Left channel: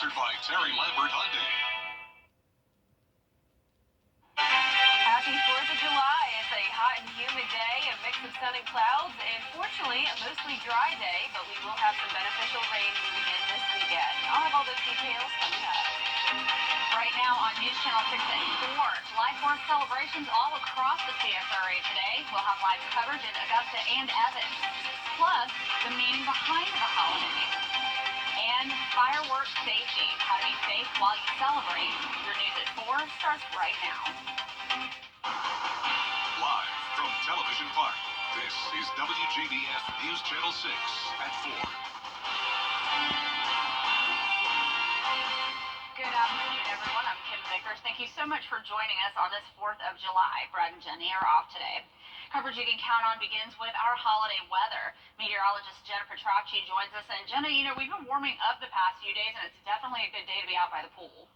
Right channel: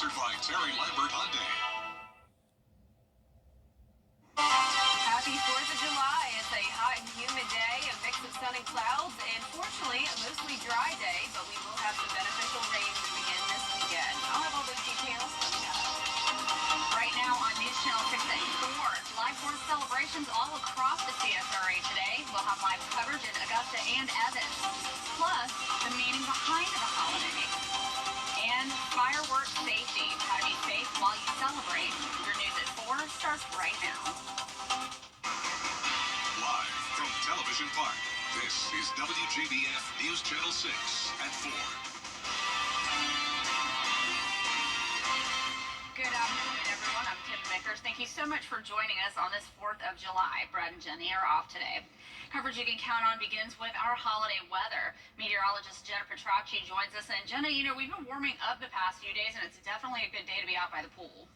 Sponsored by Terry Lambert Hyundai. Happy 4th of July. It's a hot and humid day, a mix of sun and clouds, and fortunately a mostly dry day, but we will have some beneficial rain moving in this weekend. I'll have all those details coming up. Right now on News Channel 6 at 4, July 4th celebrations all across the CSRA today. We'll have live coverage in Augusta and Evans, plus the meaning behind the holiday. And fireworks safety, how to be safe while you celebrate. Your news at 4 starts right now. Live from Television Park, this is WJBF News Channel 6 at 4. Good afternoon, everyone. I'm Kim Vickers. Thank you so much for joining us on this 4th of July. Brad and Jenny are off today. Coverage you can count on begins with our holiday weather. Meteorologist Jenna Petracci joins us. And Jenna, we've been warming up the past few days, and it's definitely a good day to be out by the pool.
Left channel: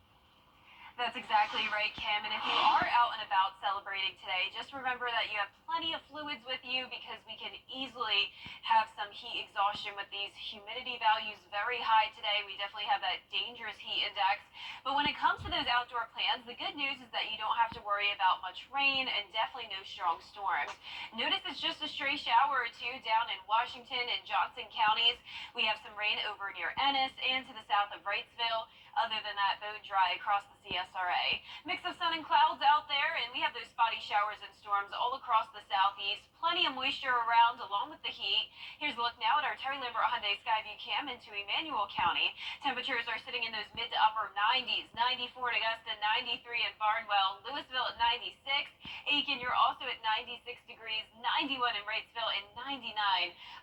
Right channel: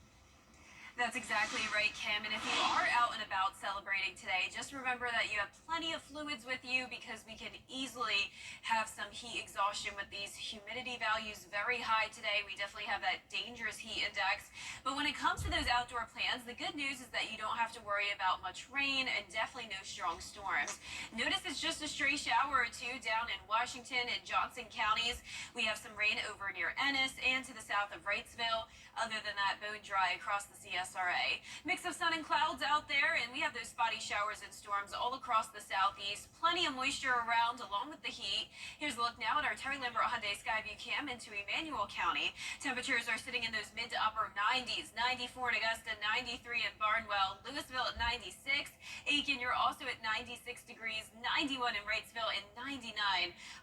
That's exactly right, Kim. And if you are out and about celebrating today, just remember that you have plenty of fluids with you because we can easily have some heat exhaustion with these humidity values very high today. We definitely have that dangerous heat index. But when it comes to those outdoor plans, the good news is that you don't have to worry about much rain and definitely no strong storms. Notice it's just a stray shower or two down in Washington and Johnson counties. We have some rain over near Ennis and to the south of Wrightsville. Other than that, bone dry across the CSRA. Mix of sun and clouds out there, and we have those spotty showers and storms all across the southeast. Plenty of moisture around along with the heat. Here's a look now at our Terry Lambert Hyundai Skyview Cam into Emmanuel County. Temperatures are sitting in those mid to upper 90s. 94 in Augusta, 93 in Barnwell, Louisville at 96. Aiken, you're also at 96 degrees, 91 in Wrightsville, and 99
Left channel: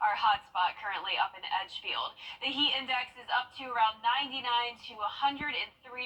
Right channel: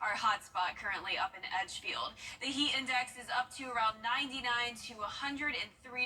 our hot spot currently up in Edgefield. The heat index is up to around 99 to 103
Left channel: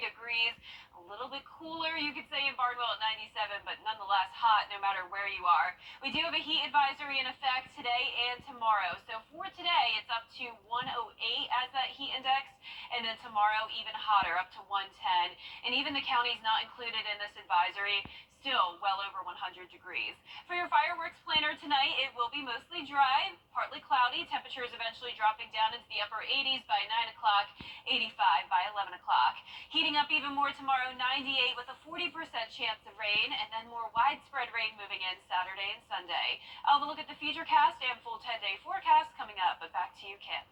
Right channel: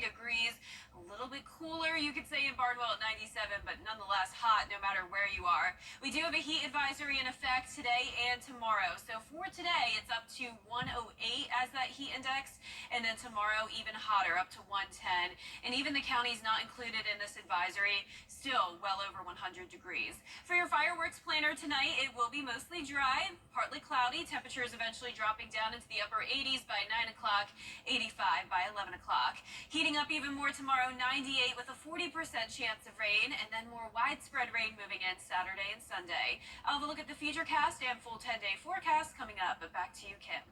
degrees. A little bit cooler, you could say, in Barnwell at 97, but nonetheless hot no matter where you are. We do have a heat advisory in effect today and tomorrow. So for today, it's up to 108 as that heat index, and then tomorrow even hotter, up to 110. And even the counties not included in this advisory, still well over 100 degrees. For your fireworks planner tonight, it will be mostly dry, partly cloudy. Temperatures eventually dropping down into the upper 80s by 9 o'clock, 85 by 11 o'clock. Heating up even more tomorrow, 98 with a 40% chance of rain, and then more widespread rain moving in Saturday and Sunday. I'll have a look at the futurecast and full 10-day forecast coming up, but back to you, Kim.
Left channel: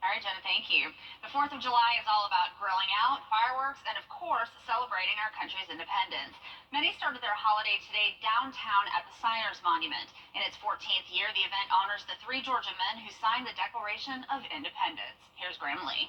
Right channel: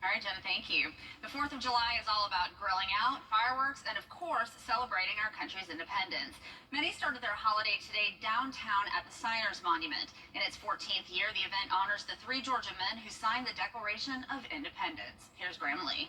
All right, Jenna, thank you. The 4th of July is all about grilling out, fireworks, and of course, celebrating our country's independence. Many started their holiday today downtown at the Signers Monument. In its 14th year, the event honors the 3 Georgia men who signed the Declaration of Independence. Here's Graham Lee.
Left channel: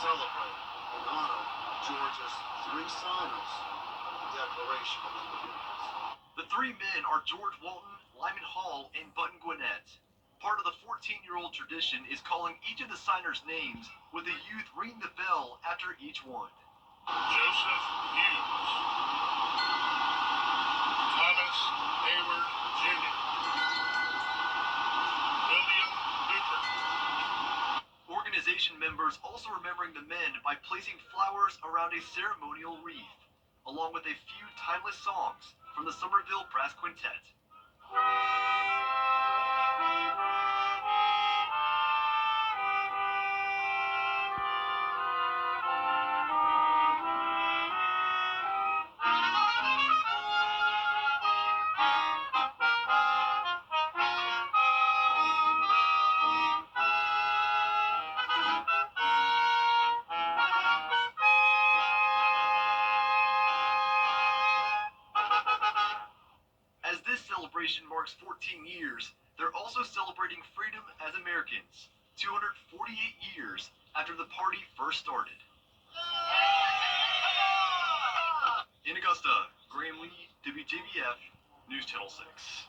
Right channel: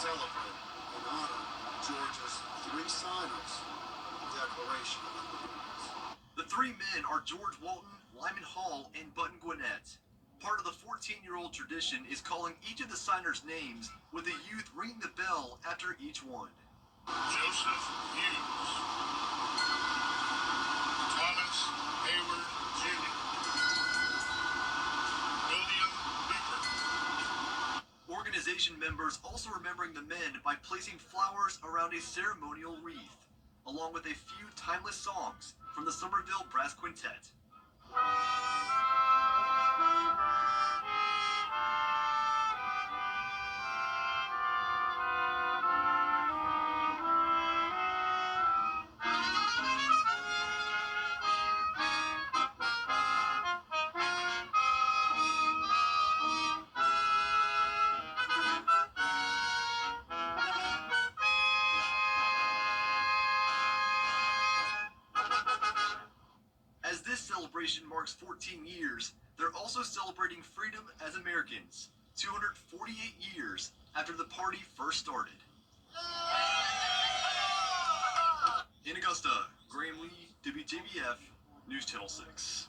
Celebrate and honor Georgia's 3 signers Declaration of Independence. The 3 men are George Walton, Lyman Hall, and Button Gwinnett. Part of the 14-year-old tradition is calling each of the signers' names with the youth ringing the bell after each one. Joseph Hughes, Thomas Hayward Jr., William Hooper. Organization members also remembering the men by placing flowers around a ceremonial wreath, along with a few timeless songs from the Somerville Brass Quintet. As this celebration marks 14 years, they're also celebrating freedom as Americans, 248 years after the party first started. In Augusta, Graham Lee, WJBF, News Channel 6.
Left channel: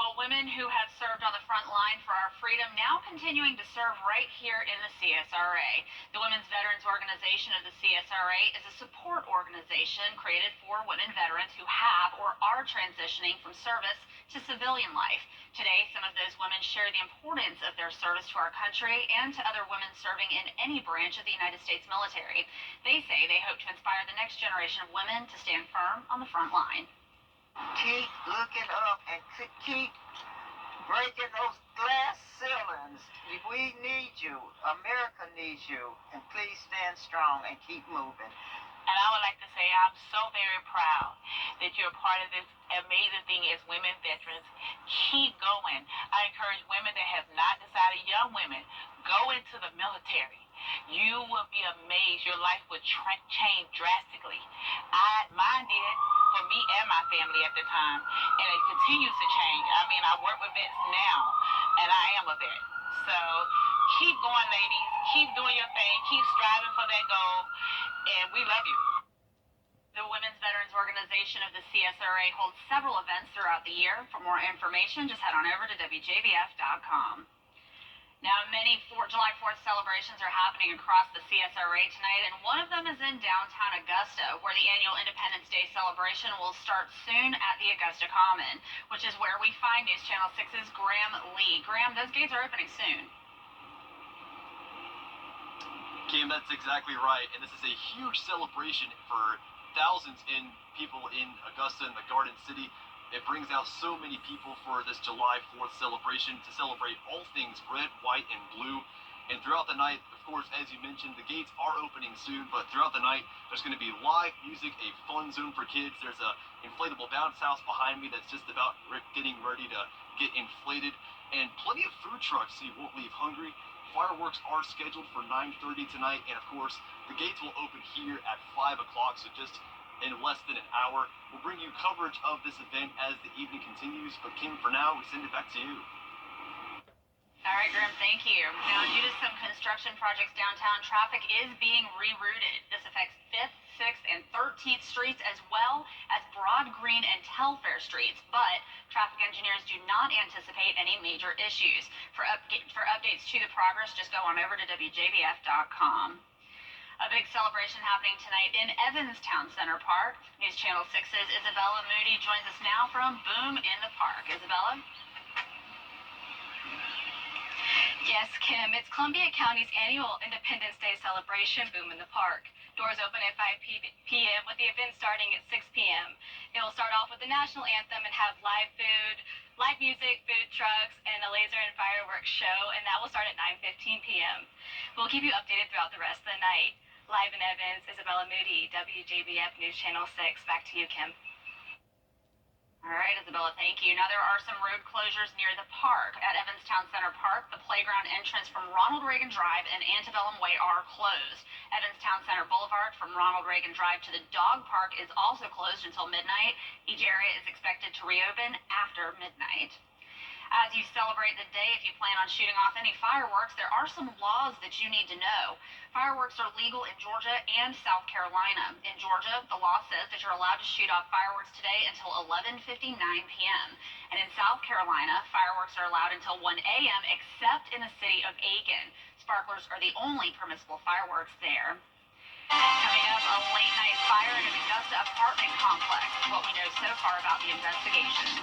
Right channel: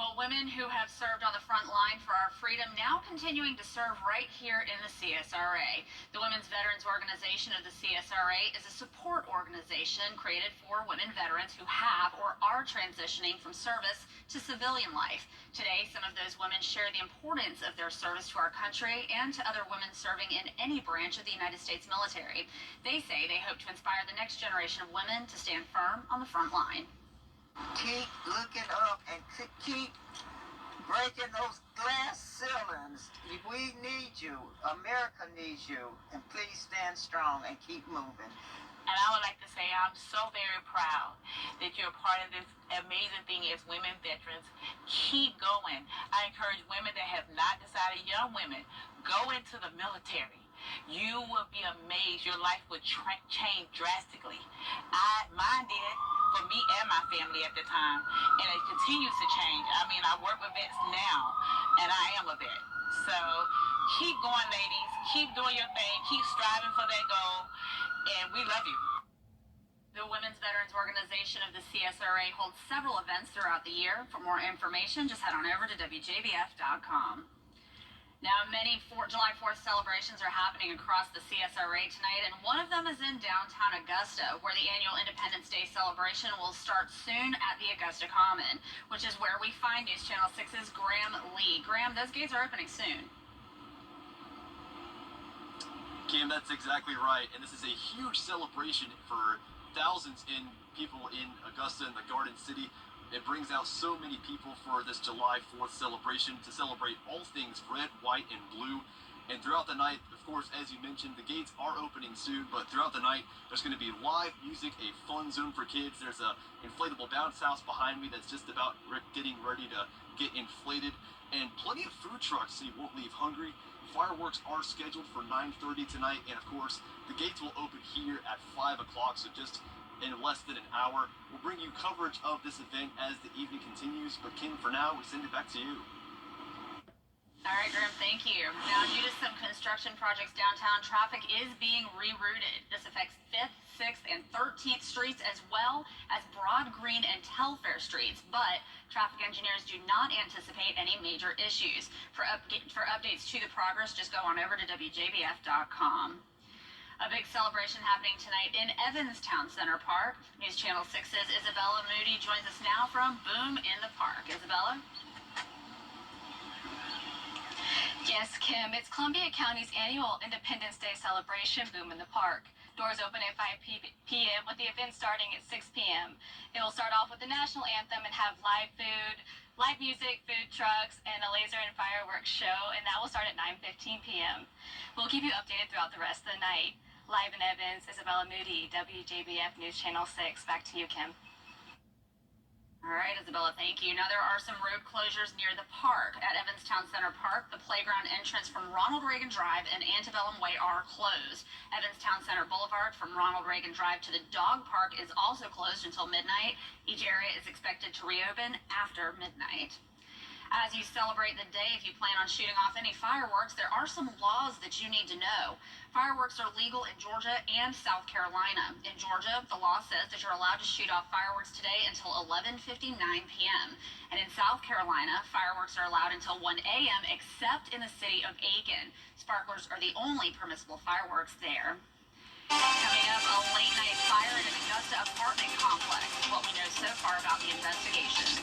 Well, women who have served on the front line for our freedom now continuing to serve right here in the CSRA. The Women's Veterans Organization of the CSRA is a support organization created for women veterans who have or are transitioning from service to civilian life. Today, some of those women share the importance of their service to our country and to other women serving in any branch of the United States military. They say they hope to inspire the next generation of women to stand firm on the front line. Keep looking up and keep breaking those glass ceilings. We need you. America needs you. And please stand strong and keep moving. And I would like to say I'm so very proud that you're a part of this amazing thing as women veterans. Keep going. I encourage women that have not decided, young women, go into the military. You will be amazed. Your life will change drastically. Mine did, for me and my family at the time, and it continues to change. I mean, I work with vets now, and I am a vet. So keep going, ladies. Keep doing your thing. Keep striving for that goal, and we love you. The Women's Veterans Organization of the CSRA holds several events throughout the year. For more information, just head on over to WJBF.com. Now, many July 4th celebrations are happening across the CSRA tonight, and one of them is in downtown Augusta, where the annual Independence Day celebration will start soon at the Augusta Common, which is where we find News Channel 6's Graham Lee. Graham, those gates are opening soon. Kim, that's exactly right, and this is a huge celebration for thousands in people in Augusta and the Garden City. It brings out so many people for this July 4th celebration to celebrate all things red, white, and blue. And throughout the night, of course, as you mentioned, the gates are opening soon, but throughout the night, there's going to be live music, a fun zone for kids. There's a inflatable bounce house behind me that's just about getting ready to get inflated, and plenty of food trucks so you won't leave hungry. Fireworks are scheduled for 9:30 tonight, and of course, the gates will open here at 5 o'clock, so just in less than an hour. We'll bring you coverage of this event as the evening continues, but Kim, for now, we send it back to you. All right, Graham, thank you. Now, due to some construction projects downtown, traffic is being rerouted. This affects 5th, 6th, and 13th Streets, as well as Broad Green and Telfair Streets, but traffic engineers do not anticipate any major issues. For updates to the progress, just go on over to WJBF.com. A big celebration happening tonight in Evanstown Center Park. News Channel 6's Isabella Moody joins us now from Boom in the Park. Isabella? Yes, Kim. It's Columbia County's annual Independence Day celebration, Boom in the Park. Doors open at 5 p.m. with the event starting at 6 p.m. It will start off with the national anthem and have live food, live music, food trucks, and a laser and fireworks show, and that will start at 9:15 p.m. We'll keep you updated throughout the rest of the night. Live in Evans, Isabella Moody, WJBF News Channel 6. Back to you, Kim. All right, Isabella, thank you. Now, there are some road closures near the park. At Evanstown Center Park, the playground entrance from Ronald Reagan Drive and Antebellum Way are closed. Evanstown Center Boulevard from Ronald Reagan Drive to the dog park is also closed until midnight. Each area is expected to reopen after midnight. As you celebrate the day, if you plan on shooting off any fireworks, there are some laws that you need to know. Fireworks are legal in Georgia and South Carolina. In Georgia, the law says that you're allowed to shoot off fireworks today until 11:59 p.m. And in South Carolina, fireworks are allowed until 1 a.m. except in the city of Aiken. Sparklers are the only permissible fireworks there. Coming up, a late-night fire in an Augusta apartment complex. What we know so far about the investigation.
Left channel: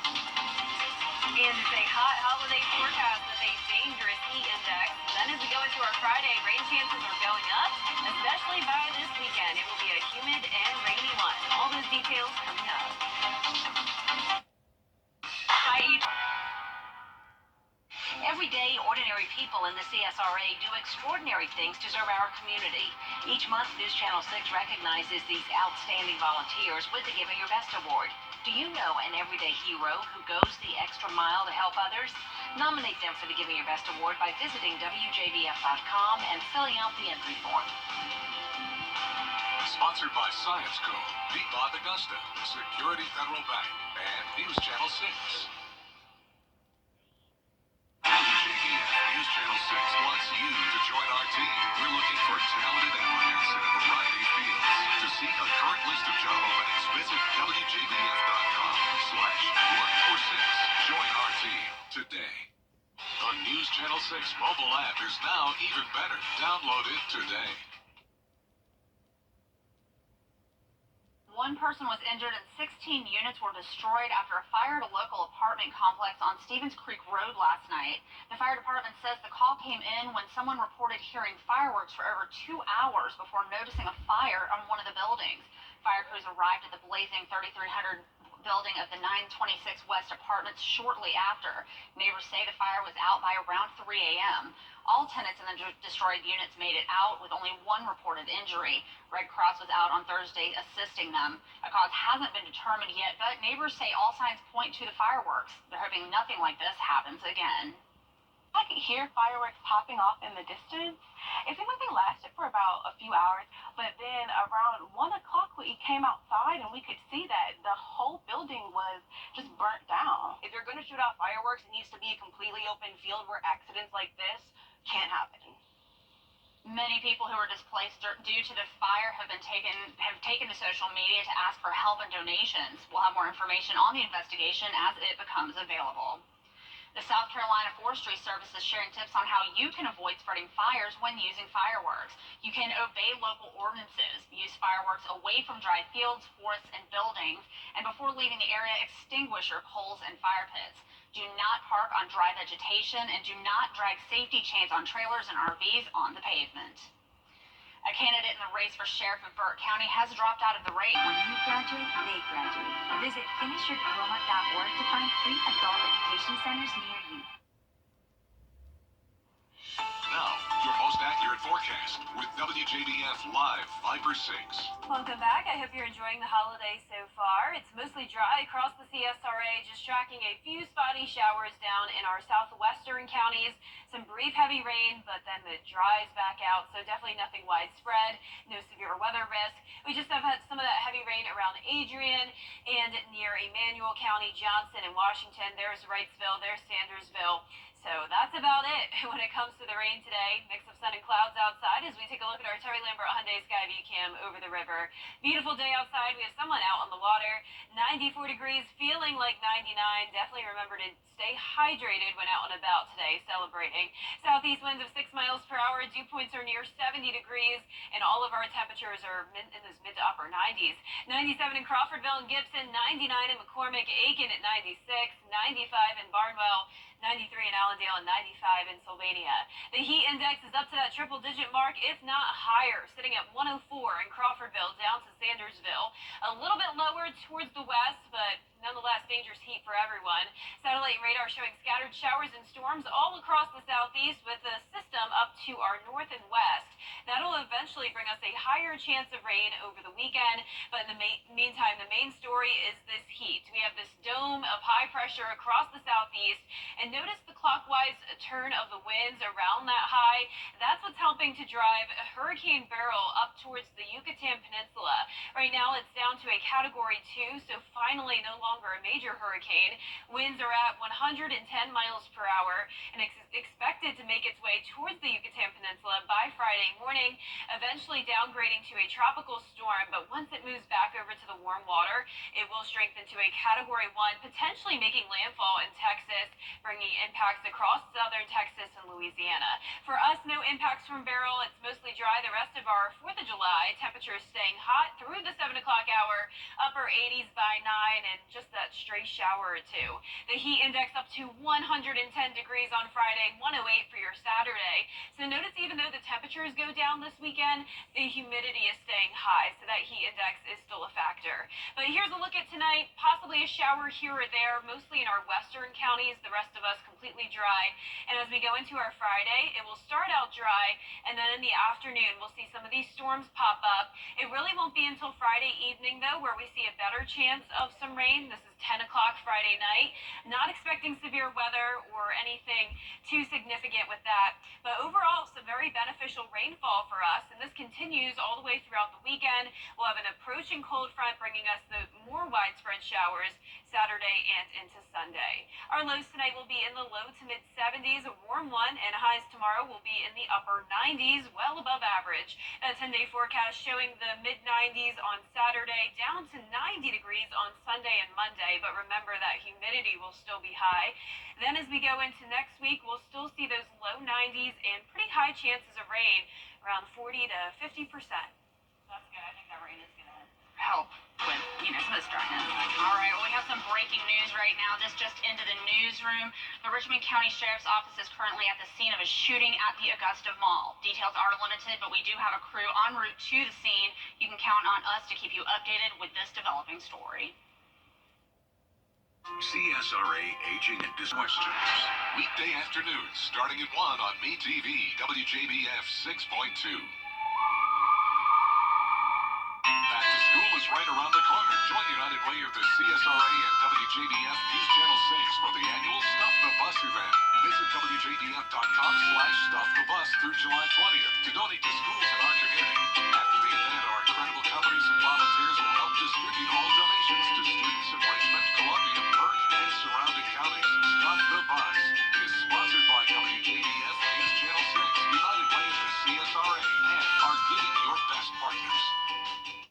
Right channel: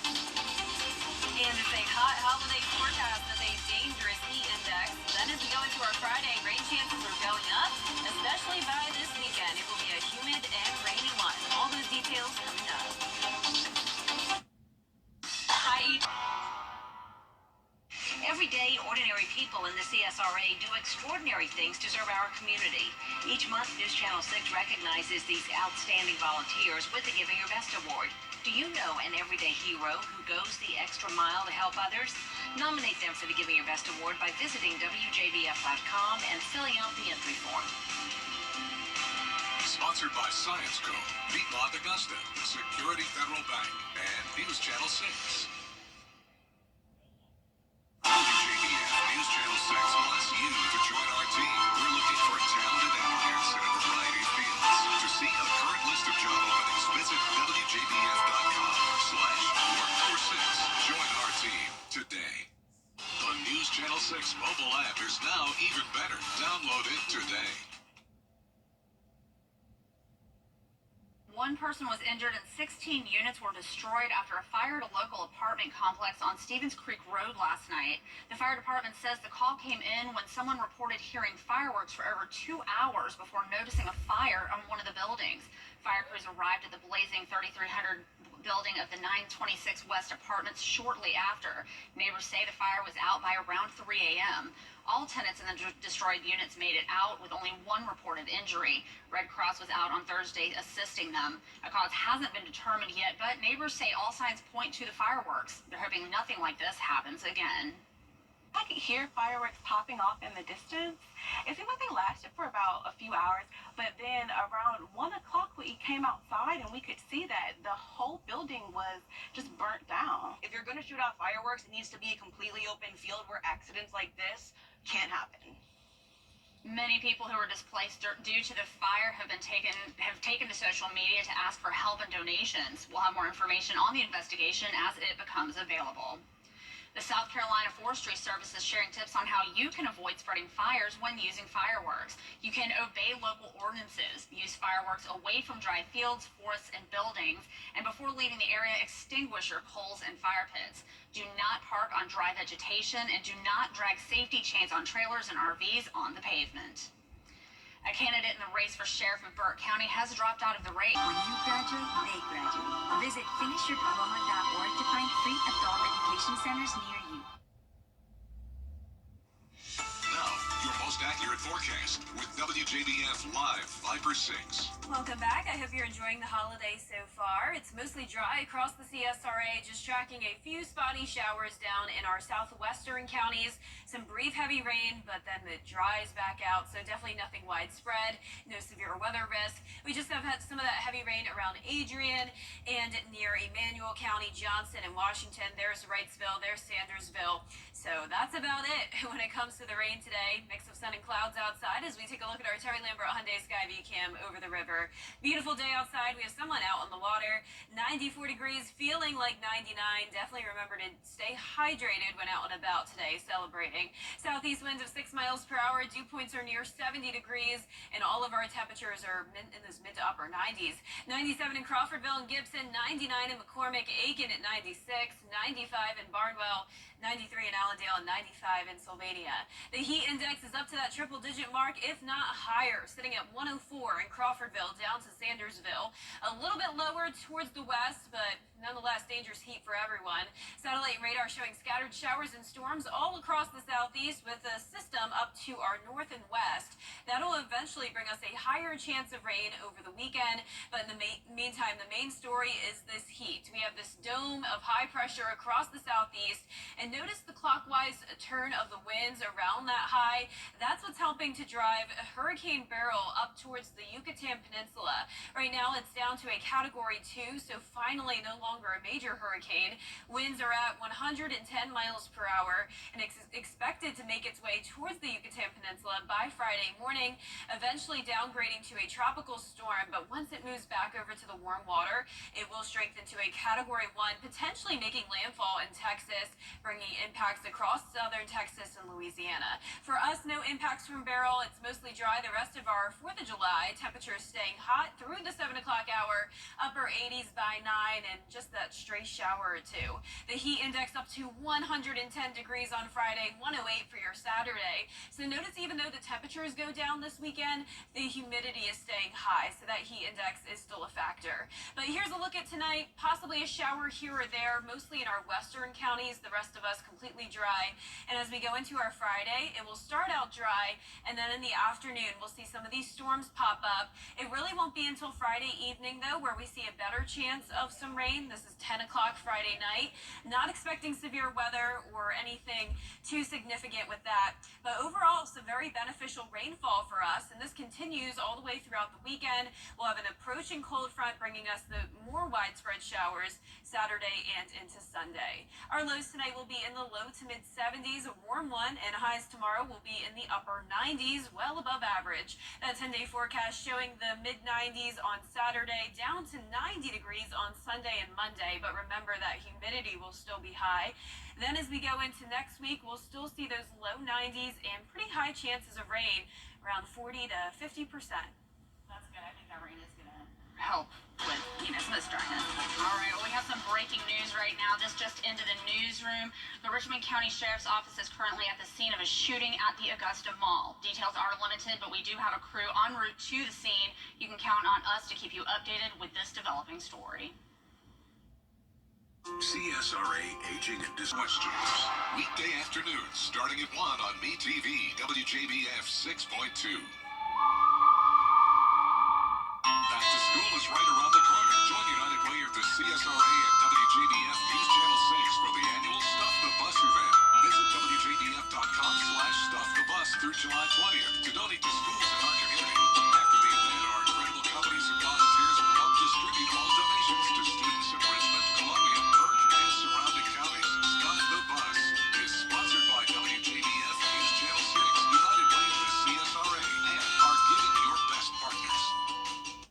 And it's a hot holiday forecast with a dangerous heat index. Then as we go into our Friday, rain chances are going up, especially by this weekend. It will be a humid and rainy one. All those details coming up. Everyday, ordinary people in the CSRA do extraordinary things to serve our community. Each month, News Channel 6 recognizes these outstanding volunteers with the Giving Your Best Award. Do you know an everyday hero who goes the extra mile to help others? Nominate them for the Giving Your Best Award by visiting WJBF.com and filling out the entry form. Sponsored by Science Co., Piedmont Augusta, Security Federal Bank, and News Channel 6. WJBF News Channel 6 wants you to join our team. We're looking for talented applicants in a variety of fields. To see a current list of job openings, visit WJBF.com/workforce6. Join our team. 6 mobile app is now even better. Download it today. One person was injured and 16 units were destroyed after a fire at a local apartment complex on Stevens Creek Road last night. The fire department says the call came in when someone reported hearing fireworks for over 2 hours before noticing a fire on one of the buildings. Fire crews arrived at the blazing 3300 building of the 926 West Apartments shortly after. Neighbors say the fire was out by around 3 a.m. All tenants in the destroyed units made it out with only one reported injury. Red Cross was out on Thursday assisting them. A cause hasn't been determined yet, but neighbors say all signs point to the fireworks. They're hoping nothing like this happens again. I could hear fireworks popping off in the distance. It seemed like they lasted for about a few hours, but then around 1 o'clock we came outside and we could see that the whole building was just burnt down. If you're going to shoot out fireworks, it needs to be a completely open field where accidents like this can't happen. Many people who were displaced due to the fire have taken to social media to ask for help and donations. We'll have more information on the investigation as it becomes available. The South Carolina Forestry Service is sharing tips on how you can avoid spreading fires when using fireworks. You can obey local ordinances, use fireworks away from dry fields, forests, and buildings, and before leaving the area, extinguish your coals and fire pits. Do not park on dry vegetation, and do not drag safety chains on trailers and RVs on the pavement. A candidate in the race for sheriff of Burke County has dropped out of the race. When you graduate, they graduate. Visit finishyourdiploma.org to find free adult education centers near you. Now, your most accurate forecast with WJBF Live 5 for 6. Welcome back. I hope you're enjoying the holiday so far. It's mostly dry across the CSRA, just tracking a few spotty showers down in our southwestern counties. Some brief heavy rain, but then it dries back out, so definitely nothing widespread. No severe weather risk. We just have had some of that heavy rain around Adrian and near Emmanuel County, Johnson, and Washington. There's Wrightsville, there's Sandersville. So that's about it when it comes to the rain today. Mix of sun and clouds outside as we take a look at our Terry Lambert Hyundai Skyview Cam over the river. Beautiful day outside. We have someone out on the water. 94 degrees, feeling like 99. Definitely remember to stay hydrated when out and about today, celebrating. Southeast winds of 6 miles per hour. Dew points are near 70 degrees, and all of our temperatures are in those mid to upper 90s. 97 in Crawfordville and Gibson, 99 in McCormick, Aiken at 96, 95 in Barnwell, 93 in Allendale, and 95 in Sylvania. The heat index is up to that triple-digit mark, if not higher, sitting at 104 in Crawfordville down to Sandersville. A little bit lower towards the west, but nonetheless dangerous heat for everyone. Satellite radar showing scattered showers and storms all across the southeast with the system up to our north and west. That'll eventually bring us a higher chance of rain over the weekend, but in the meantime, the main story is this heat. We have this dome of high pressure across the southeast, and notice the clockwise turn of the winds around that high. That's what's helping to drive Hurricane Beryl up towards the Yucatan Peninsula. Right now, it's down to a Category 2, so finally no longer a major hurricane. Winds are at 110 miles per hour and expected to make its way towards the Yucatan Peninsula by Friday morning, eventually downgrading to a tropical storm. But once it moves back over to the warm water, it will strengthen to a Category 1, potentially making landfall in Texas, bringing impacts across southern Texas and Louisiana. For us, no impacts from Beryl. It's mostly dry the rest of our 4th of July. Temperatures staying hot through the 7 o'clock hour, upper 80s by 9, and just that stray shower or two. The heat index up to 110 degrees on Friday, 108 for your Saturday. So notice even though the temperatures go down this weekend, the humidity is staying high, so that heat index is still a factor. But here's a look at tonight. Possibly a shower here or there, mostly in our western counties. The rest of us completely dry. And as we go into our Friday, it will start out dry, and then in the afternoon, we'll see some of these storms pop up. It really won't be until Friday evening, though, where we see a better chance of some rain. This is 10 o'clock Friday night. Not expecting severe weather or anything too significant with that. But overall, some very beneficial rainfall for us, and this continues all the way throughout the weekend. We'll have an approaching cold front bringing us the more widespread showers Saturday and into Sunday. Our lows tonight will be in the low to mid 70s, a warm one, and highs tomorrow will be in the upper 90s, well above average. That 10-day forecast showing the mid 90s on Saturday, down to 90 degrees on Sunday and Monday, but remember that humidity will still be high. Then as we go into next week, we'll still see those low 90s and pretty high chances of rain, around 40 to 50%. That's good. I think that rain is going to help with, some of this dryness. All right, well, we have some breaking news right now. This just into the newsroom. The Richmond County Sheriff's Office is currently at the scene of a shooting at the Augusta Mall. Details are limited, but we do have a crew en route to the scene. You can count on us to keep you updated with this developing story. CSRA Aging and Questions. Weekday afternoons starting at 1 on MeTV, WJBF 6.2. Back to school is right around the corner. Join United Way of the CSRA and WJBF News Channel 6 for the annual Stuff the Bus event. Visit WJBF.com/StuffTheBus through July 20th to donate to schools in our community. After the event, our incredible companies and volunteers will help distribute all donations to students in Richmond, Columbia, Burke, and surrounding counties. Stuff the Bus is sponsored by WJBF News Channel 6, United Way of the CSRA, and our Giving Your Best partners.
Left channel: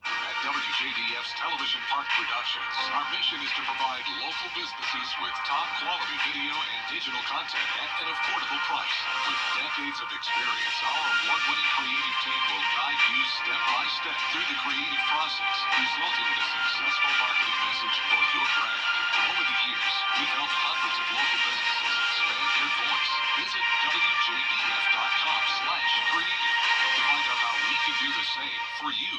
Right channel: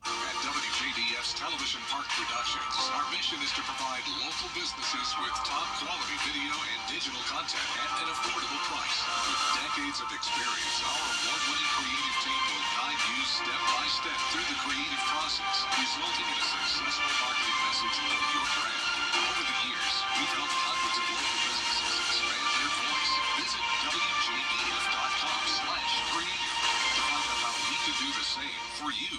At WJBF's Television Park Productions, our mission is to provide local businesses with top quality video and digital content at an affordable price. With decades of experience, our award-winning creative team will guide you step by step through the creative process, resulting in a successful marketing message for your brand. Over the years, we've helped hundreds of local businesses expand their voice. Visit WJBF.com/creative to find out how we can do the same for you.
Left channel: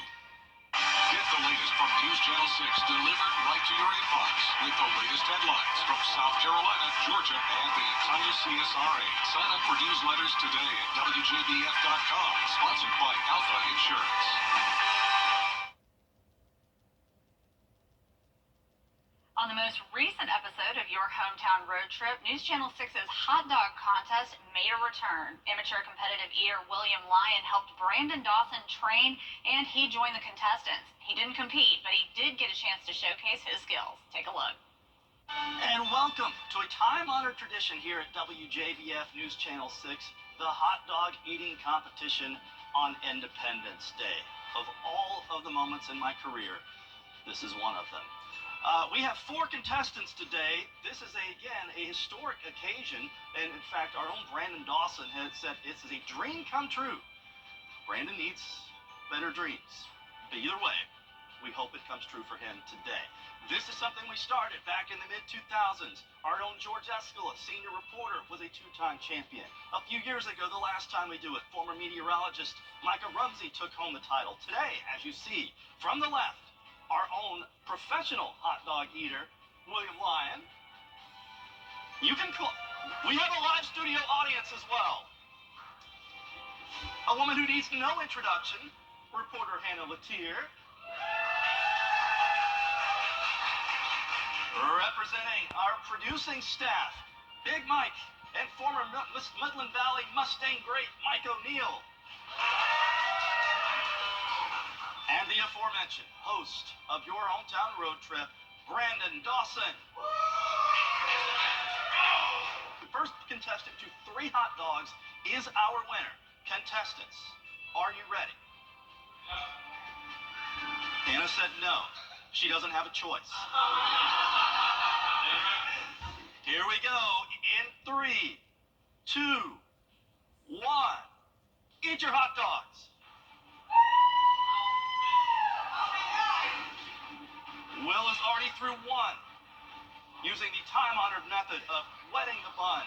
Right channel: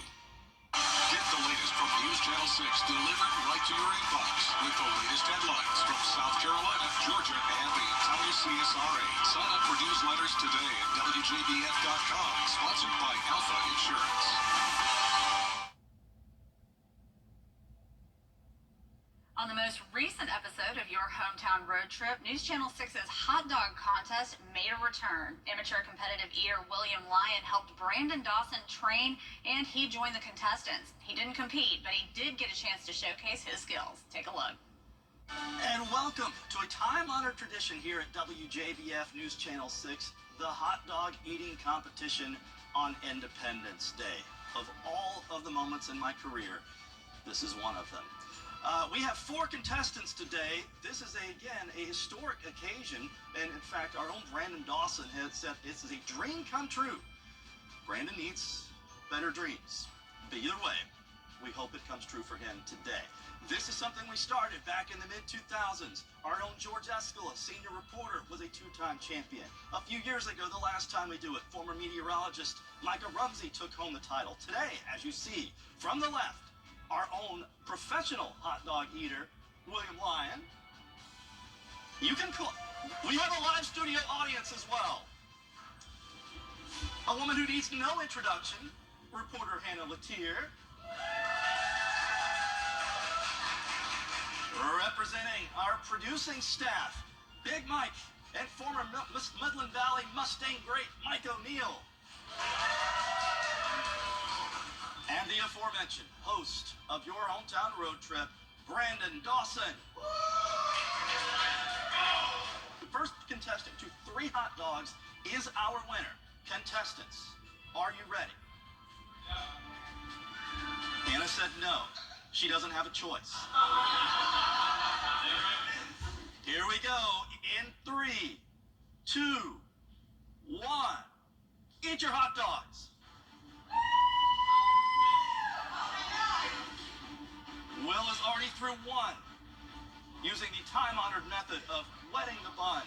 Get the latest from News Channel 6 delivered right to your inbox with the latest headlines from South Carolina, Georgia, and the entire CSRA. Sign up for newsletters today at WJBF.com. Sponsored by Alpha Insurance. On the most recent episode of Your Hometown Road Trip, News Channel 6's hot dog contest made a return. Amateur competitive eater William Lyon helped Brandon Dawson train, and he joined the contestants. He didn't compete, but he did get a chance to showcase his skills. Take a look. And welcome to a time-honored tradition here at WJBF News Channel 6, the hot dog eating competition on Independence Day. Of all of the moments in my career, this is one of them. We have 4 contestants today. This is, again, a historic occasion. And, in fact, our own Brandon Dawson has said this is a dream come true. Brandon needs better dreams. But either way, we hope it comes true for him today. This is something we started back in the mid-2000s. Our own George Escala, senior reporter, was a 2-time champion. A few years ago, the last time we do it, former meteorologist Micah Rumsey took home the title. Today, as you see, from the left, our own professional hot dog eater, William Lyon. You can call. We have a live studio audience as well. A woman who needs no introduction, reporter Hannah Latier. Representing our producing staff, Big Mike and former Midland Valley Mustang great Mike O'Neill. And the aforementioned host of Your Hometown Road Trip, Brandon Dawson. The first contestant to 3 hot dogs is our winner. Contestants, are you ready? Anna said no. She doesn't have a choice. Here we go. In 3, 2, 1. Eat your hot dogs. Will is already through 1, using the time-honored method of wetting the bun.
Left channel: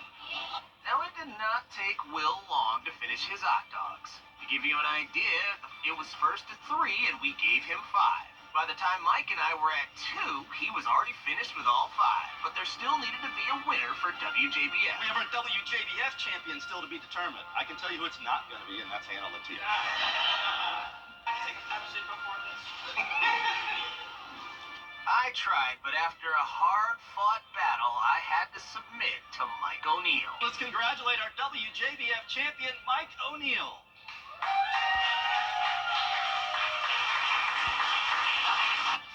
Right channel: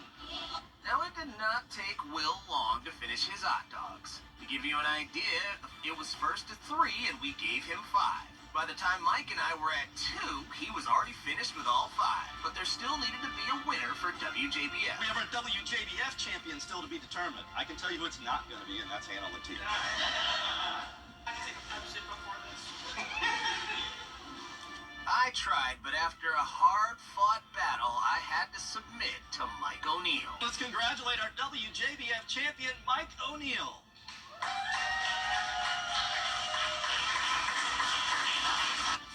Now, it did not take Will long to finish his hot dogs. To give you an idea, it was first to 3, and we gave him 5. By the time Mike and I were at 2, he was already finished with all 5. But there still needed to be a winner for WJBF. We have our WJBF champion still to be determined. I can tell you who it's not going to be, and that's Hannah Latier. I take a Pepsi before this. I tried, but after a hard-fought battle, I had to submit to Mike O'Neill. Let's congratulate our WJBF champion, Mike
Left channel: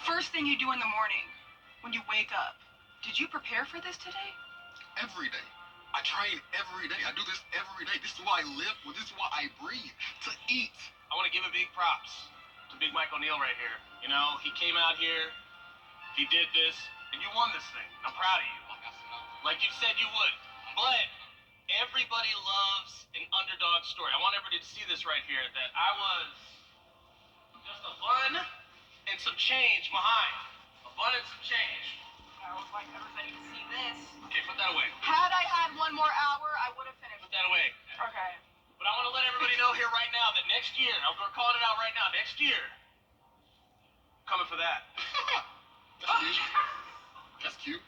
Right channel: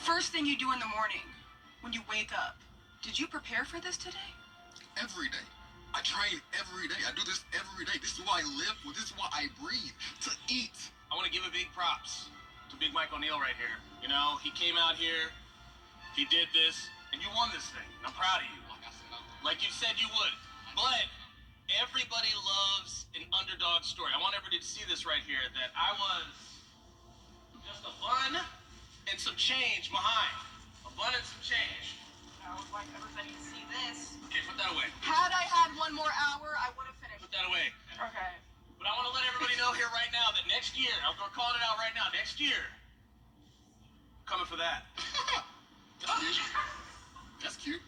First thing you do in the morning, when you wake up, did you prepare for this today? Every day. I train every day. I do this every day. This is why I live for. This is why I breathe. To eat. I want to give a big props to Big Mike O'Neill right here. You know, he came out here, he did this, and you won this thing. I'm proud of you. Like you said you would. But everybody loves an underdog story. I want everybody to see this right here, that I was just a bun and some change behind. A bun and some change. I would like everybody to see this. Okay, put that away. Had I had one more hour, I would have finished. Put that away. Okay. But I want to let everybody know here right now that next year, we're calling it out right now, next year, coming for that. That's cute. That's cute.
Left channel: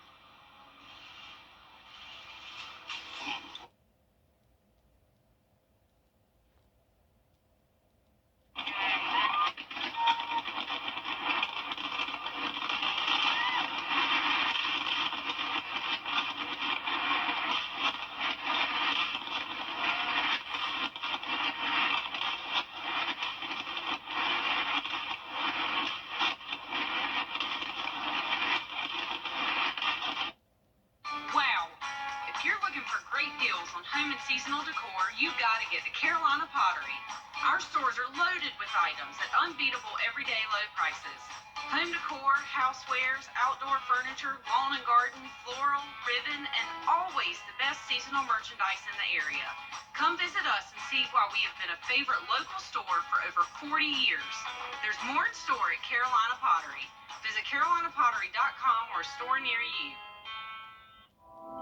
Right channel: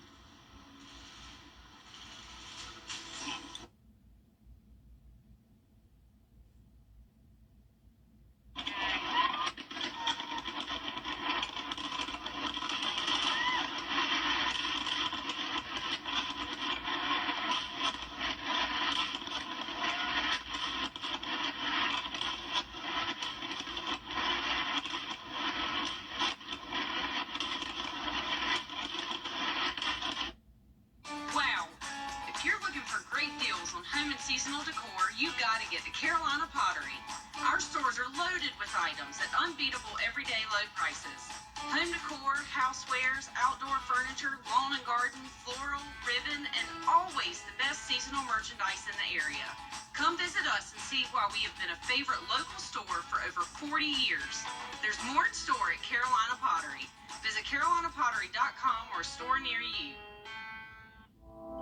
Wow. If you're looking for great deals on home and seasonal decor, you've got to get to Carolina Pottery. Our stores are loaded with items at unbeatable everyday low prices. Home decor, housewares, outdoor furniture, lawn and garden, floral, ribbon, and always the best seasonal merchandise in the area. Come visit us and see why we have been a favorite local store for over 40 years. There's more in store at Carolina Pottery. Visit carolinapottery.com or a store near you.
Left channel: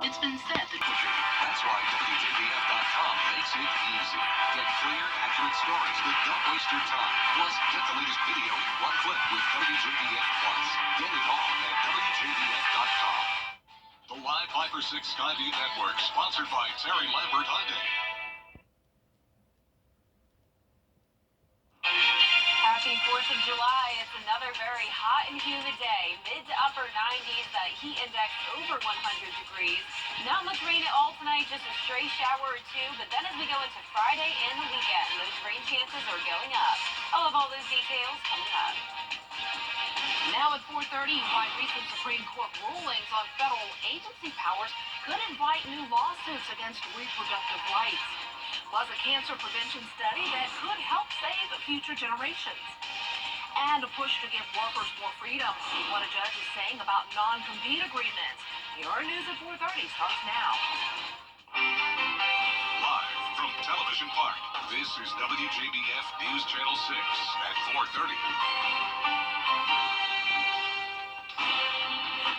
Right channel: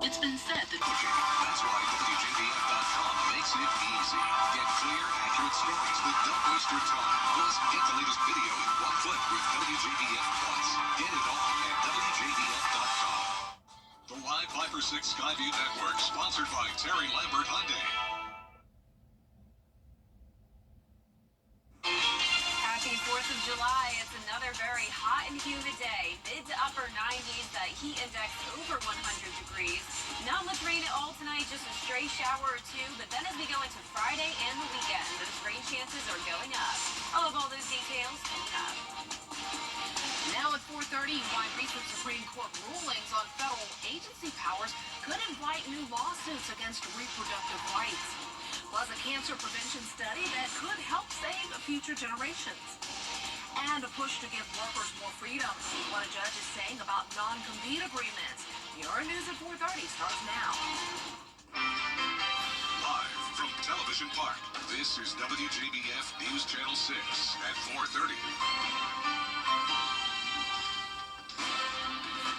It's been said that That's why WJBF.com makes it easy. Get clear, accurate stories that don't waste your time. Plus, get the latest video in one click with WJBF Plus. Get it all at WJBF.com. The Live 5 or 6 Skyview Network, sponsored by Terry Lambert Hyundai. Happy 4th of July. It's another very hot and humid day. Mid to upper 90s, that heat index over 100 degrees. Not much rain at all tonight, just a stray shower or two. But then as we go into Friday and the weekend, those rain chances are going up. I'll have all those details coming up. Now at 4:30, why recent Supreme Court rulings on federal agency powers could invite new lawsuits against reproductive rights. Plus a cancer prevention study that could help save future generations. And a push to give workers more freedom. See what a judge is saying about non-compete agreements. Your news at 4:30 starts now. Live from Television Park, this is WJBF News Channel 6 at 4:30.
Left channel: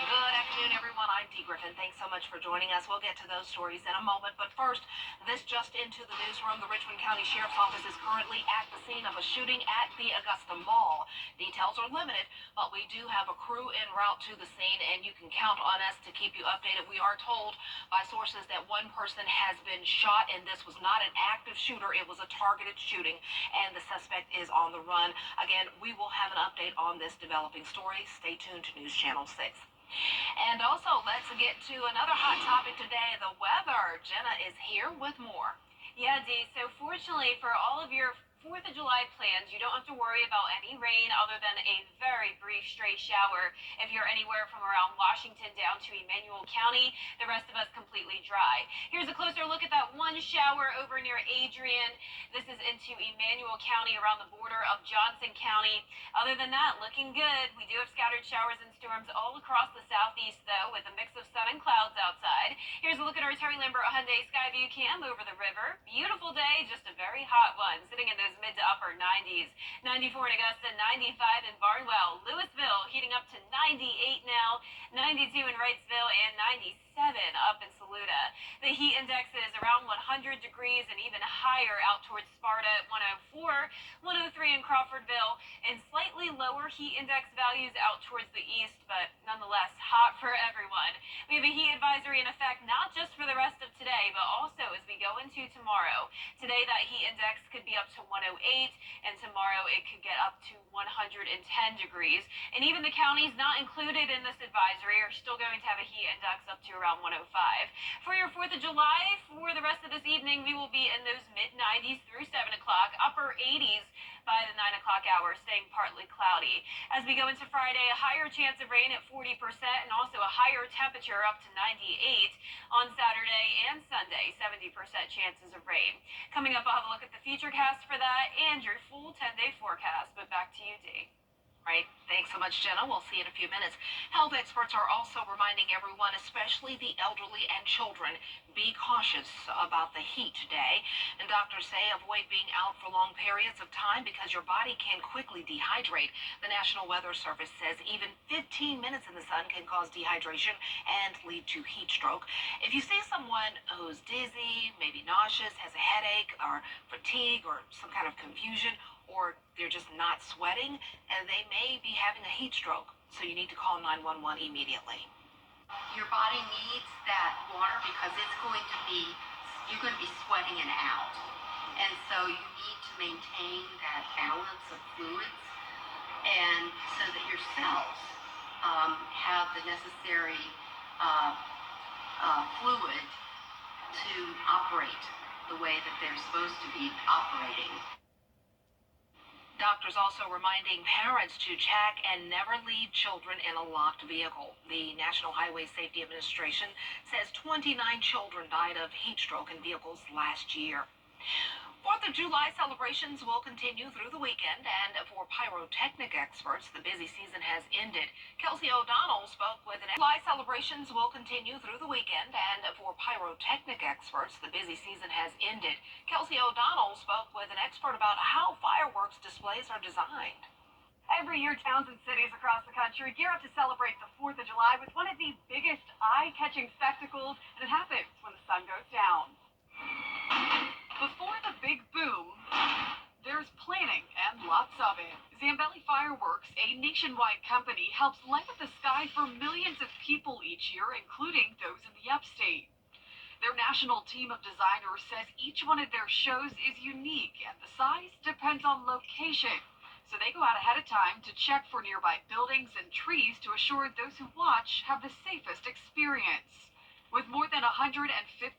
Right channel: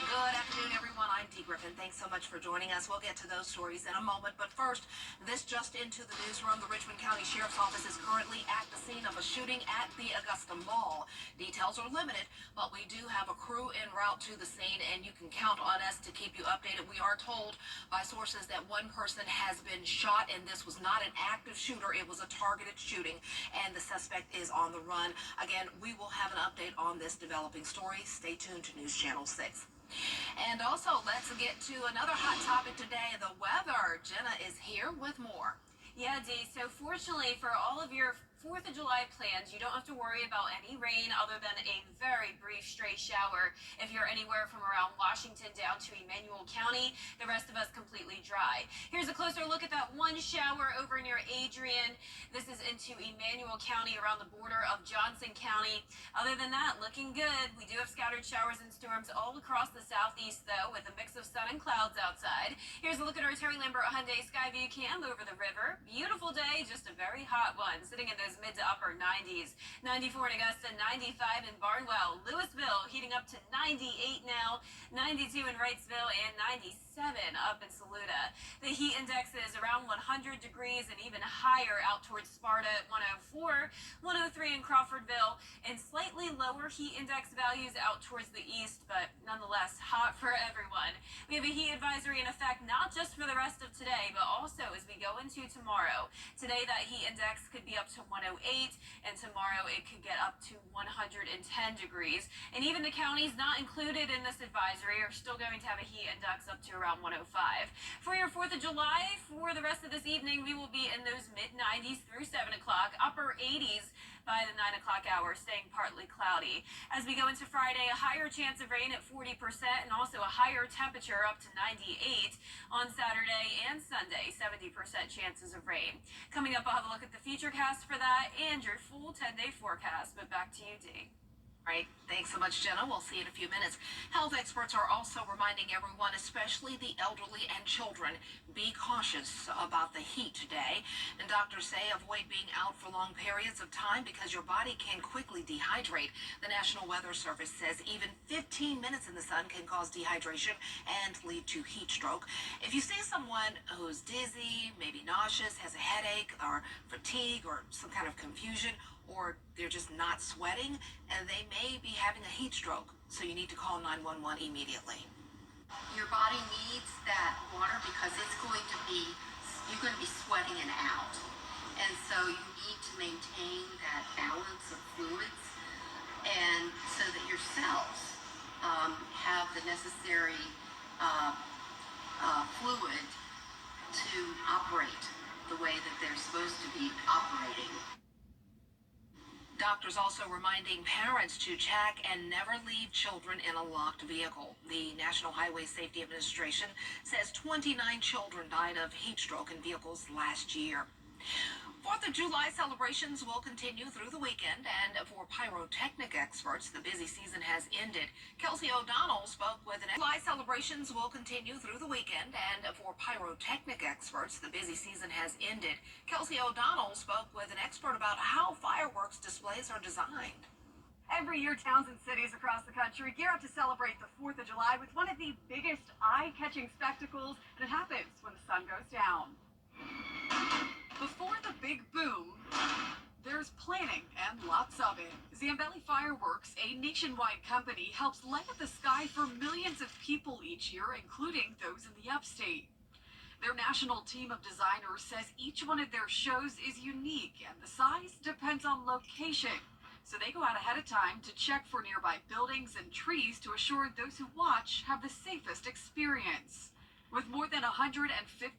Good afternoon, everyone. I'm Dee Griffin. Thanks so much for joining us. We'll get to those stories in a moment. But first, this just into the newsroom. The Richmond County Sheriff's Office is currently at the scene of a shooting at the Augusta Mall. Details are limited, but we do have a crew en route to the scene, and you can count on us to keep you updated. We are told by sources that one person has been shot, and this was not an active shooter. It was a targeted shooting, and the suspect is on the run. Again, we will have an update on this developing story. Stay tuned to News Channel 6. And also, let's get to another hot topic today, the weather. Jenna is here with more. Yeah, Dee. So fortunately for all of your 4th of July plans, you don't have to worry about any rain other than a very brief stray shower if you're anywhere from around Washington down to Emmanuel County. The rest of us completely dry. Here's a closer look at that one shower over near Adrian. This is into Emmanuel County around the border of Johnson County. Other than that, looking good. We do have scattered showers and storms all across the southeast, though, with a mix of sun and clouds outside. Here's a look at our Terry Lambert Hyundai Skyview cam over the river. Beautiful day, just a very hot one, sitting in those mid to upper 90s. 94 in Augusta, 95 in Barnwell. Louisville heating up to 98 now, 92 in Wrightsville, and 97 up in Saluda. The heat index is around 100 degrees and even higher out towards Sparta at 104, 103 in Crawfordville, and slightly lower heat index values out towards the east, but nonetheless hot for everyone. We have a heat advisory in effect not just for the rest of today, but also as we go into tomorrow. Today that heat index could be up to 108, and tomorrow it could get up to 110 degrees. And even the counties not included in this advisory are still going to have a heat index up to around 105. For your 4th of July, for the rest of this evening, we will be in those mid-90s through 7 o'clock, upper 80s by the 9 o'clock hour, staying partly cloudy. As we go into Friday, a higher chance of rain at 40% and also a higher temperature up to 98 on Saturday and Sunday, 70% chances of rain. Coming up, I'll have a look at the futurecast for that and your full 10-day forecast. But back to you, Dee. Right. Thanks so much, Jenna. We'll see you in a few minutes. Health experts are also reminding everyone, especially the elderly and children, be cautious about the heat today. And doctors say avoid being out for long periods of time because your body can quickly dehydrate. The National Weather Service says even 15 minutes in the sun can cause dehydration and lead to heat stroke. If you see someone who's dizzy, maybe nauseous, has a headache or fatigue or some kind of confusion, or they're just not sweating, and they may be having a heat stroke. So you need to call 911 immediately. Your body needs that water because you're going to be sweating it out. And so you need to maintain that balance of fluids, and so that your cells have the necessary fluid to operate the way that they're supposed to be operating. Doctors also reminding parents to check and never leave children in a locked vehicle. The National Highway Safety Administration says 29 children died of heat stroke in vehicles last year. 4th of July celebrations will continue through the weekend, and for pyrotechnic experts, the busy season has ended. Kelsey O'Donnell spoke with an July celebrations will continue through the weekend, and for pyrotechnic experts, the busy season has ended. Kelsey O'Donnell spoke with an expert about how fireworks displays are designed. Every year, towns and cities across the country gear up to celebrate the 4th of July with one of the biggest eye-catching spectacles, and it happens when the sun goes down. Before the big boom, there's planning and lots of it. Zambelli Fireworks, a nationwide company, helps light up the sky for millions of people each year, including those in the upstate. Their national team of designers says each one of their shows is unique and the size depends on location. So they go out ahead of time to check for nearby buildings and trees to assure those who watch have the safest experience. With more than 150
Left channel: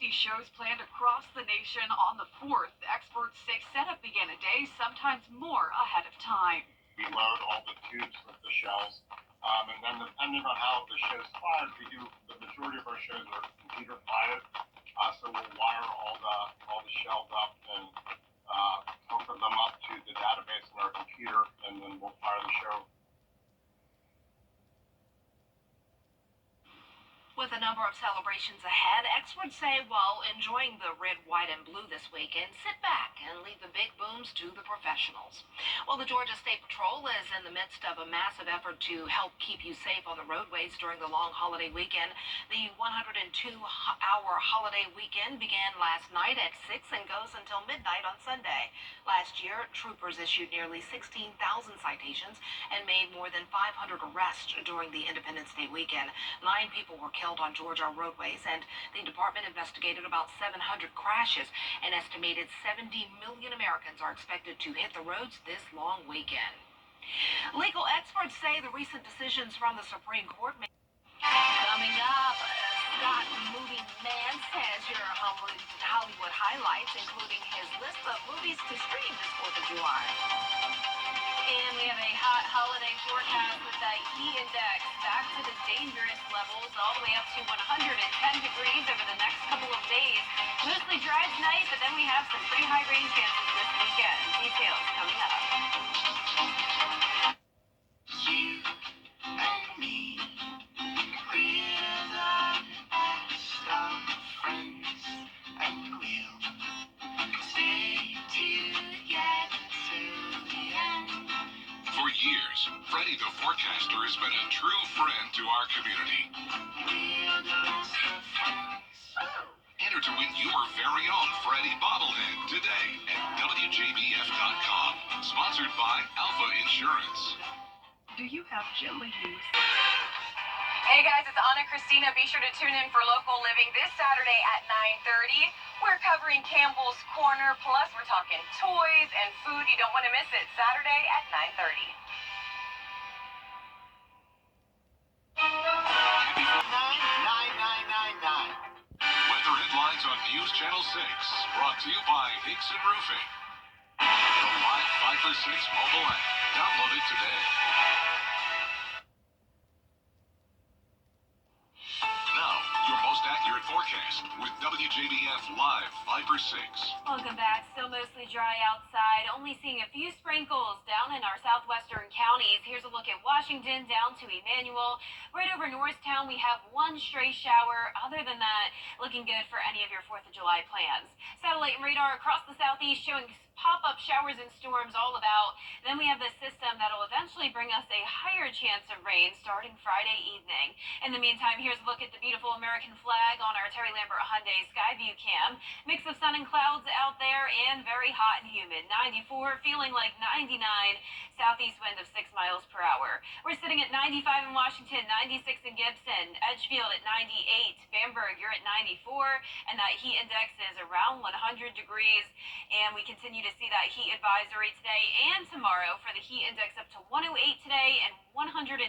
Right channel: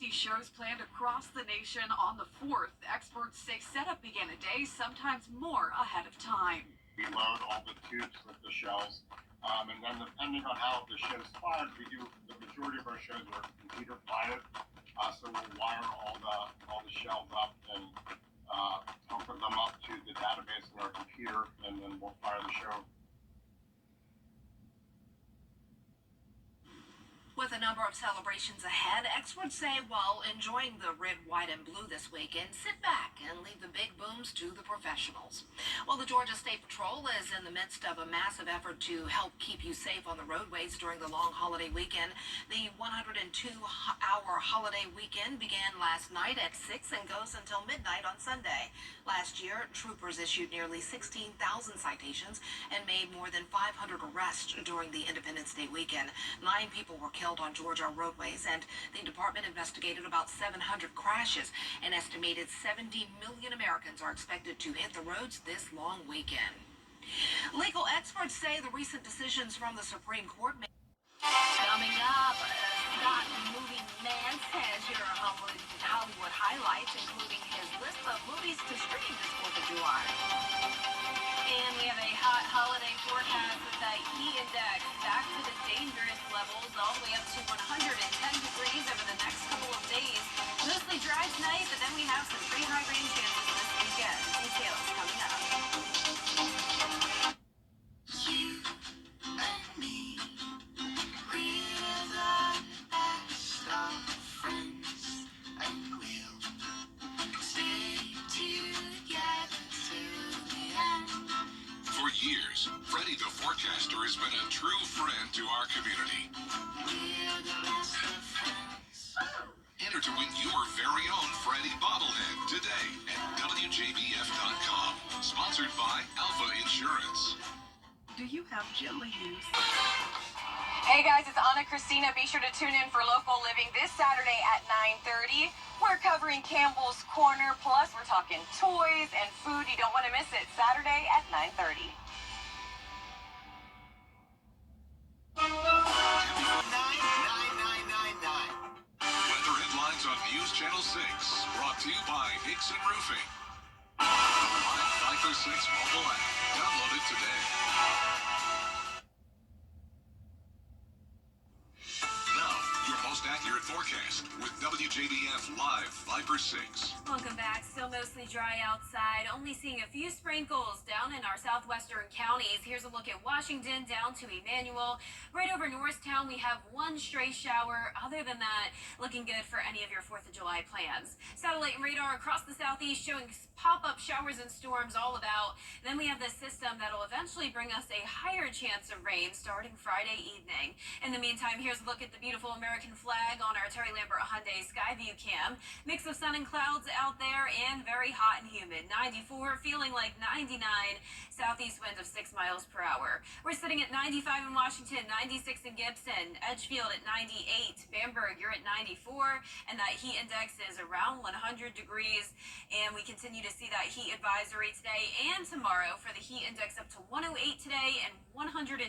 shows planned across the nation on the 4th, experts say setup began a day, sometimes more ahead of time. We load all the tubes with the shells, and then depending on how the show's fired, the majority of our shows are computer fired, so we'll wire all the shells up and hook them up to the database in our computer, and then we'll fire the show. With a number of celebrations ahead, experts say while enjoying the red, white, and blue this weekend, sit back and leave the big booms to the professionals. Well, the Georgia State Patrol is in the midst of a massive effort to help keep you safe on the roadways during the long holiday weekend. The 102-hour holiday weekend began last night at 6 and goes until midnight on Sunday. Last year, troopers issued nearly 16,000 citations and made more than 500 arrests during the Independence Day weekend. 9 people were killed on Georgia roadways, and the department investigated about 700 crashes. An estimated 70 million Americans are expected to hit the roads this long weekend. Legal experts say the recent decisions from the Supreme Court coming up. Scott movie man says here are Hollywood highlights, including his list of movies to stream this 4th of July. And we have a hot holiday forecast with that heat index back to the dangerous levels, all the way up to 110 degrees over the next couple of days. Mostly dry tonight, but then we have some pretty high rain chances this weekend. Details coming up. You and me, we're the best of friends, and we'll stay together till the end. For years, Freddie the Forecaster has been a true friend to our community. We're the best of friends. Enter to win your very own Freddie bobblehead today at WJBF.com. Sponsored by Alpha Insurance. Do you have gently used? Hey guys, it's Anna Christina. Be sure to tune in for Local Living this Saturday at 9:30. We're covering Campbell's Corner, plus we're talking toys and food. You don't want to miss it. Saturday at 9:30. 99999. Weather headlines on News Channel 6. Brought to you by Hickson Roofing. The live fight Viper 6 mobile app. Download it today. Now, your most accurate forecast with WJBF Live Viper 6. Welcome back. Still mostly dry outside. Only seeing a few sprinkles down in our southwestern counties. Here's a look at Washington down to Emmanuel. Right over Norristown, we have one stray shower. Other than that, looking good for any of your 4th of July plans. Satellite and radar across the southeast showing pop-up showers and storms all about. Then we have this system that'll eventually bring us a higher chance of rain starting Friday evening. In the meantime, here's a look at the beautiful American flag on our Terry Lambert Hyundai Skyview cam. Mix of sun and clouds out there and very hot and humid. 94, feeling like 99. Southeast wind of 6 miles per hour. We're sitting at 95 in Washington, 96 in Gibson, Edgefield at 98, Bamberg, you're at 94, and that heat index is around 100 degrees. And we continue to see that heat advisory today and tomorrow for the heat index up to 108 today and 110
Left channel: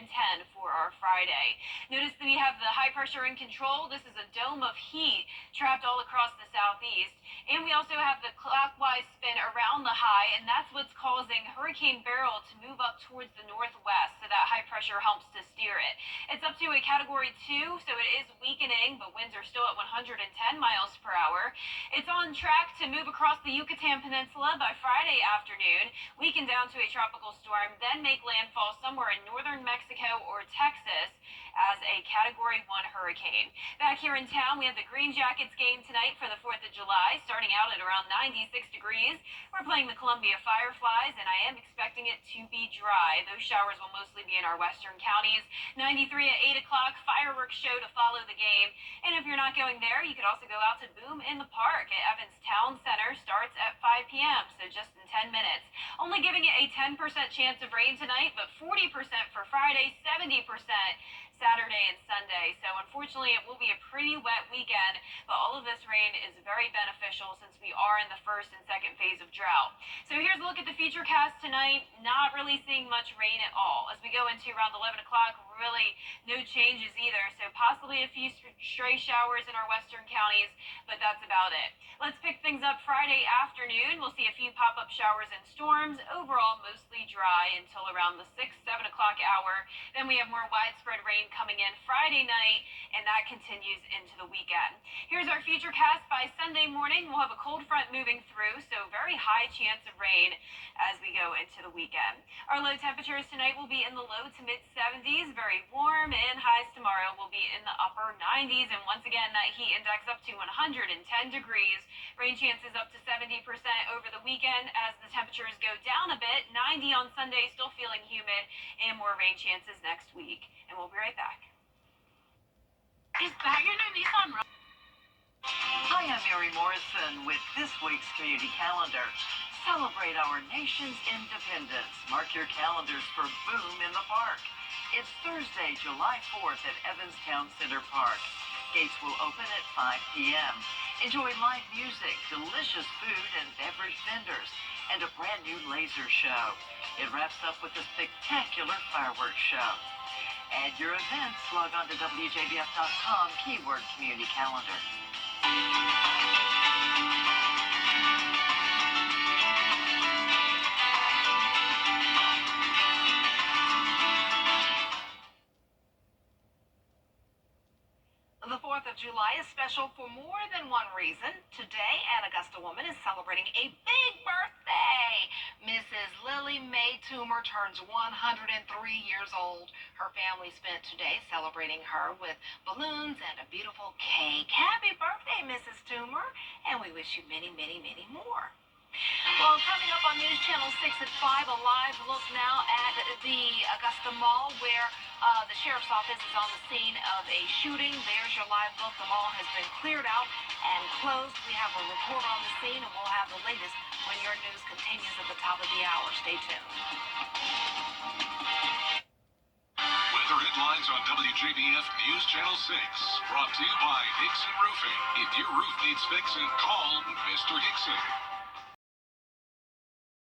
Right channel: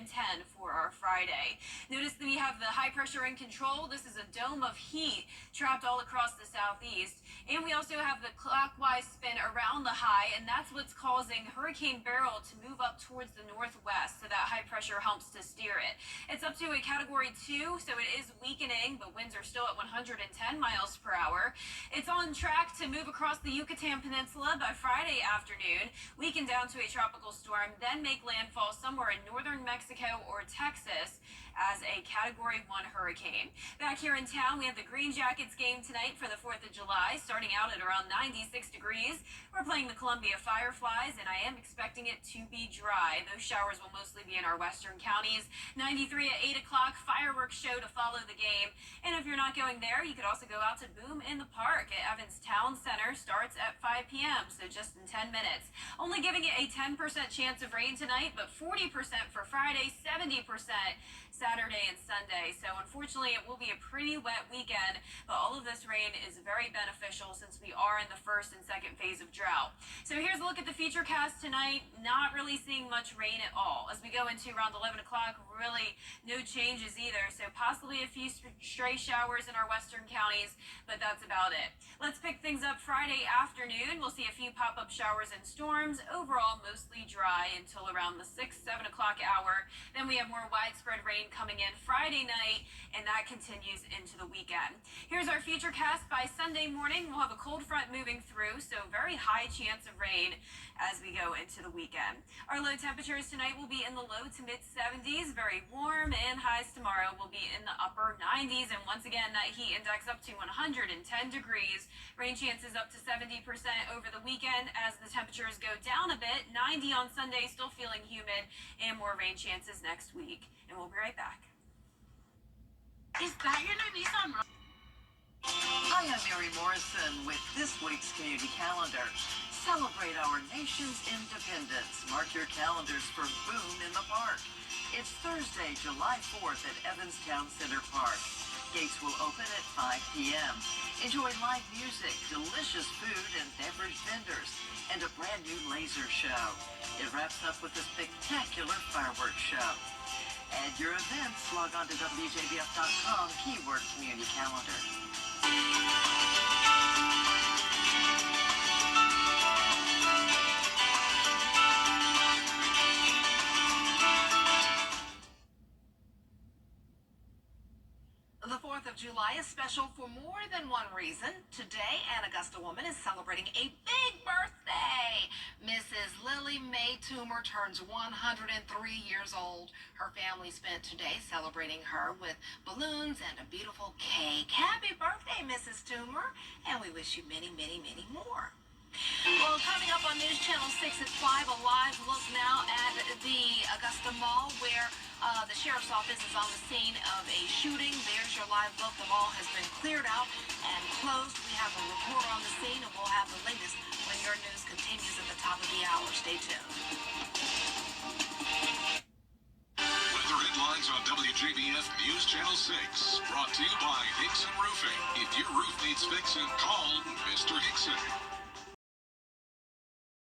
for our Friday. Notice that we have the high pressure in control. This is a dome of heat trapped all across the southeast. And we also have the clockwise spin around the high, and that's what's causing Hurricane Beryl to move up towards the northwest, so that high pressure helps to steer it. It's up to a category 2, so it is weakening, but winds are still at 110 miles per hour. It's on track to move across the Yucatan Peninsula by Friday afternoon, weaken down to a tropical storm, then make landfall somewhere in northern Mexico or Texas as a category 1 hurricane. Back here in town, we have the Green Jackets game tonight for the 4th of July, starting out at around 96 degrees. We're playing the Columbia Fireflies, and I am expecting it to be dry. Those showers will mostly be in our western counties. 93 at 8 o'clock, fireworks show to follow the game. And if you're not going there, you could also go out to Boom in the Park at Evans Town Center. Starts at 5 p.m., so just in 10 minutes. Only giving it a 10% chance of rain tonight, but 40% for Friday, 70% Saturday and Sunday. So unfortunately, it will be a pretty wet weekend, but all of this rain is very beneficial since we are in the first and second phase of drought. So here's a look at the futurecast tonight. Not really seeing much rain at all. As we go into around 11 o'clock, really no changes either. So possibly a few stray showers in our western counties, but that's about it. Let's pick things up Friday afternoon. We'll see a few pop-up showers and storms. Overall, mostly dry until around the 6-7 o'clock hour. Then we have more widespread rain coming in Friday night, and that continues into the weekend. Here's our futurecast. By Sunday morning, we'll have a cold front moving through, so very high chance of rain as we go into the weekend. Our low temperatures tonight will be in the low to mid 70s, very warm, and highs tomorrow will be in the upper 90s, and once again, that heat index up to 110 degrees. Rain chances up to 70% over the weekend as the temperatures go down a bit. 90 on Sunday, still feeling humid, and more rain chances next week. And we'll be right back. Is that your new Nissan Rogue? Hi, I'm Mary Morrison with this week's community calendar. Celebrate our nation's independence. Mark your calendars for Boom in the Park. It's Thursday, July 4th at Evans Town Center Park. Gates will open at 5 p.m. Enjoy live music, delicious food and beverage vendors, and a brand new laser show. It wraps up with a spectacular fireworks show. Add your events, log on to WJBF.com, keyword community calendar. The 4th of July is special for more than one reason. Today, an Augusta woman is celebrating a big birthday. Mrs. Lily Mae Toomer turns 103 years old. Her family spent today celebrating her with balloons and a beautiful cake. Happy birthday, Mrs. Toomer, and we wish you many, many, many more. Well, coming up on News Channel 6 at 5, a live look now at the Augusta Mall where the sheriff's office is on the scene of a shooting. There's your live look. The mall has been cleared out and closed. We have a reporter on the scene, and we'll have the latest when your news continues at the top of the hour. Stay tuned. Weather headlines on WJBF News Channel 6. Brought to you by Hickson Roofing. If your roof needs fixing, call Mr. Hickson.